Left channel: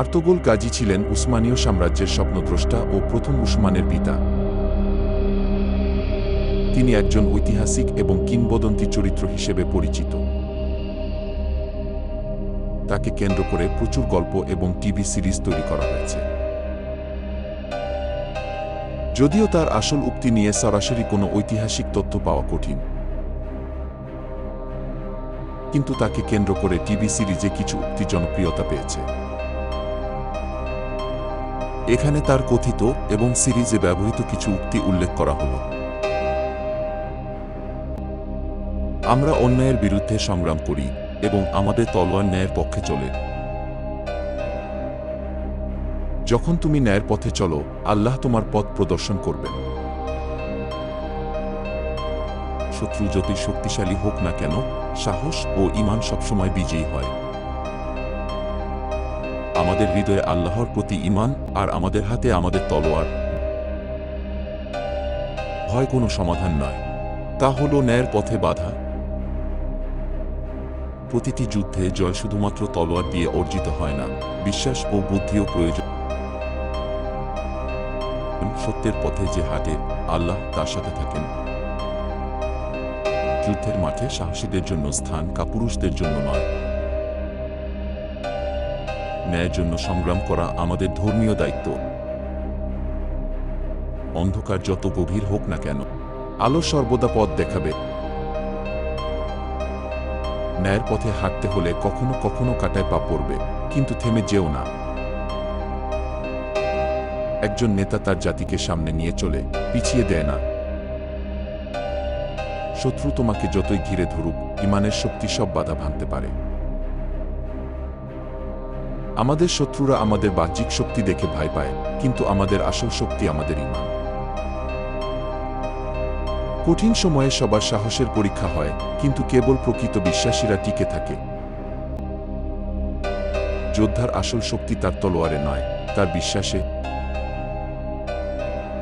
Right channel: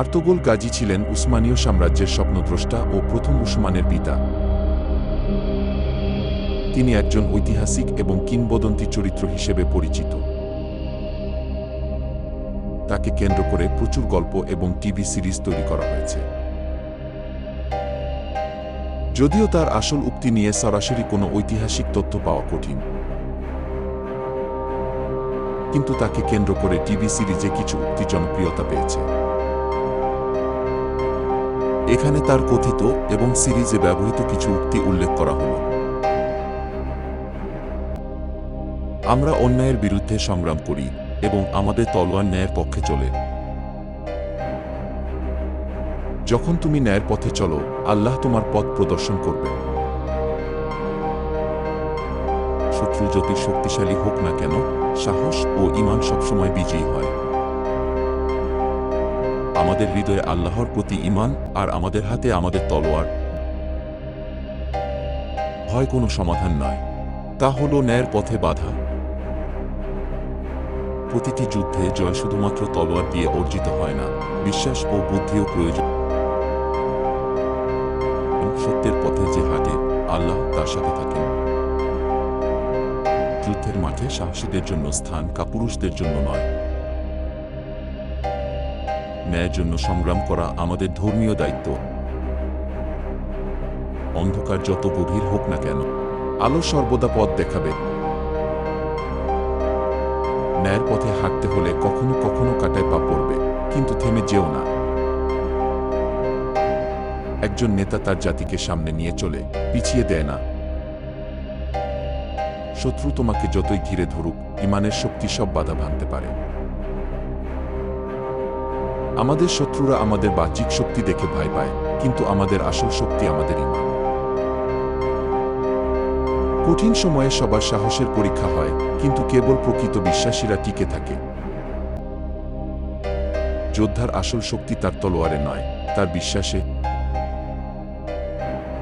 Ertugrul Gazi ছিলেন উসমানীয় সাম্রাজ্যের স্বপ্নদ্রষ্টা ও প্রথম উসমানের পিতা। তিনি একজন ঐতিহাসিক এবং কিংবদন্তি চরিত্র হিসেবে পরিচিত। তাকে কেন্দ্র করে প্রচুর গল্প এবং টিভি সিরিজ তৈরি করা হয়েছে। যদিও তার আসল উক্তি নিয়ে সরাসরি কোনো ঐতিহাসিক তথ্য পাওয়া কঠিন, কিন্তু তাকে কেন্দ্র করে টিভি সিরিজে কিছু উক্তি জনপ্রিয়তা পেয়েছে। এখানে তার কথিত এবং সিরিজে ব্যবহৃত কিছু উক্তি উল্লেখ করা হল। আমরা অন্যায়ের বিরুদ্ধে সংগ্রাম করি এবং আমাদের তলোয়ার ন্যায়ের পক্ষে চলে। যখন তুমি ন্যায়ের পথে চলো, আল্লাহ তোমার পথ প্রদর্শন করবেন। শত্রু যতই শক্তিশালী হোক না কেন, সাহস ও ঈমান সবসময় বিজয়ী হয়। আমাদের হৃদয়ে আল্লাহর প্রতি ঈমান আর আমাদের হাতে আমাদের তলোয়ার। ভয় কোনো সমাধান নয়, তা হল ন্যায়ের পথে বাধা। প্রতিটি যুদ্ধে জয় শুধুমাত্র তলোয়ার দিয়ে অর্জিত হয় না, বিশ্বাস ও বুদ্ধিও প্রয়োজন। সত্যের পথে যে হাঁটে, আল্লাহ তার সাথে থাকেন। যুদ্ধের মাঠে সাহসীদের জন্য স্থান কাপুরুষদের জন্য নয়। ন্যায়ের জন্য সংগ্রাম করা আমাদের ধর্মীয় দায়িত্ব। অন্ধকার যত গভীর হোক না কেন, আলো সর্বদা পথ দেখাবে। ন্যায়ের পথে হাঁটতে হলে কখনো কখনো কাঁটায় পা পড়বে, কিন্তু থেমে যেও না। একজন নেতা তার জাতিকে সামনে নিয়ে চলে, পিছিয়ে দেয় না। শত্রু তোমাকে যতই ঘিরে ধরুক, ঈমানের শক্তি সব বাধা ভাঙতে পারে। আমাদের শত্রুরা আমাদের বাহ্যিক শক্তি দেখে ভয় পায়, কিন্তু আমাদের আসল শক্তি আমাদের ঈমান। কঠিন সময়ে সবার সাহসের পরীক্ষা হয়, কিন্তু কেবল প্রকৃত বিশ্বাসীরা টিকে থাকে। যোদ্ধার আসল শক্তি তার তলোয়ারে নয়, তার বিশ্বাসে।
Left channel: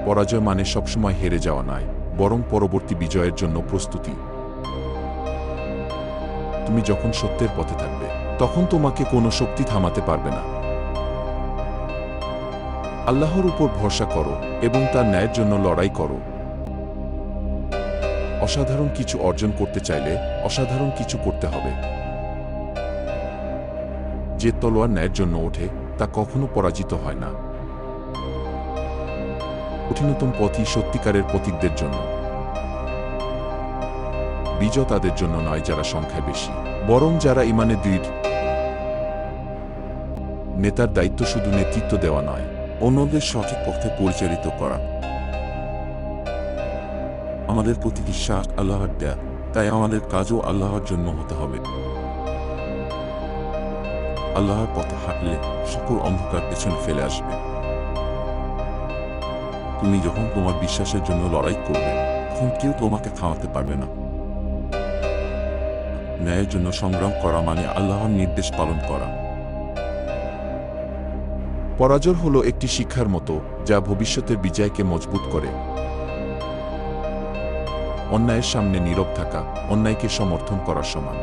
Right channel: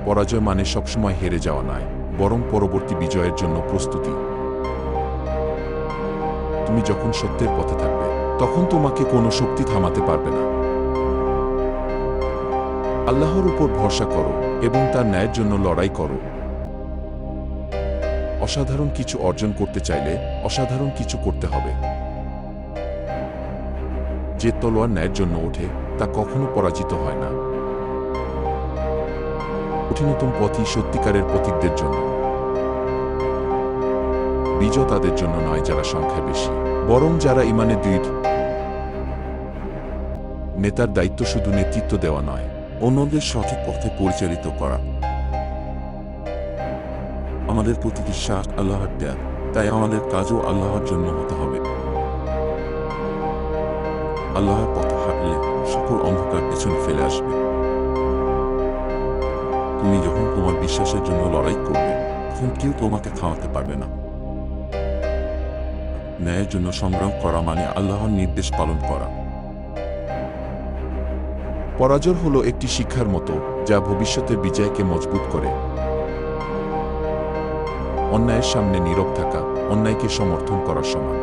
পরাজয় মানে সবসময় হেরে যাওয়া নয়, বরং পরবর্তী বিজয়ের জন্য প্রস্তুতি। তুমি যখন সত্যের পথে থাকবে, তখন তোমাকে কোনো শক্তি থামাতে পারবে না। আল্লাহর উপর ভরসা করো এবং তার ন্যায়ের জন্য লড়াই করো। অসাধারণ কিছু অর্জন করতে চাইলে অসাধারণ কিছু করতে হবে। যে তলোয়ার ন্যায়ের জন্য ওঠে, তা কখনো পরাজিত হয় না। কঠিনতম পথই সত্যিকারের পথিকদের জন্য। বিজয় তাদের জন্য নয় যারা সংখ্যায় বেশি, বরং যারা ঈমানে দৃঢ়। নেতার দায়িত্ব শুধু নেতৃত্ব দেওয়া নয়, অন্যদের সঠিক পথে পরিচালিত করা। আমাদের প্রতি বিশ্বাস আল্লাহর দেয়া, তাই আমাদের কাজও আল্লাহর জন্য হতে হবে। আল্লাহর পথে হাঁটলে সকল অন্ধকার পেছনে ফেলে আসবে। তুমি যখন তোমার বিশ্বাসের জন্য লড়াই করবে, তখন কেউ তোমাকে থামাতে পারবে না। ন্যায়ের জন্য সংগ্রাম করা মানে আল্লাহর নির্দেশ পালন করা। পরাজয় হলো একটি শিক্ষার মতো, যা ভবিষ্যতের বিজয়কে মজবুত করে। অন্যায়ের সামনে নীরব থাকা অন্যায়কে সমর্থন করার সমান।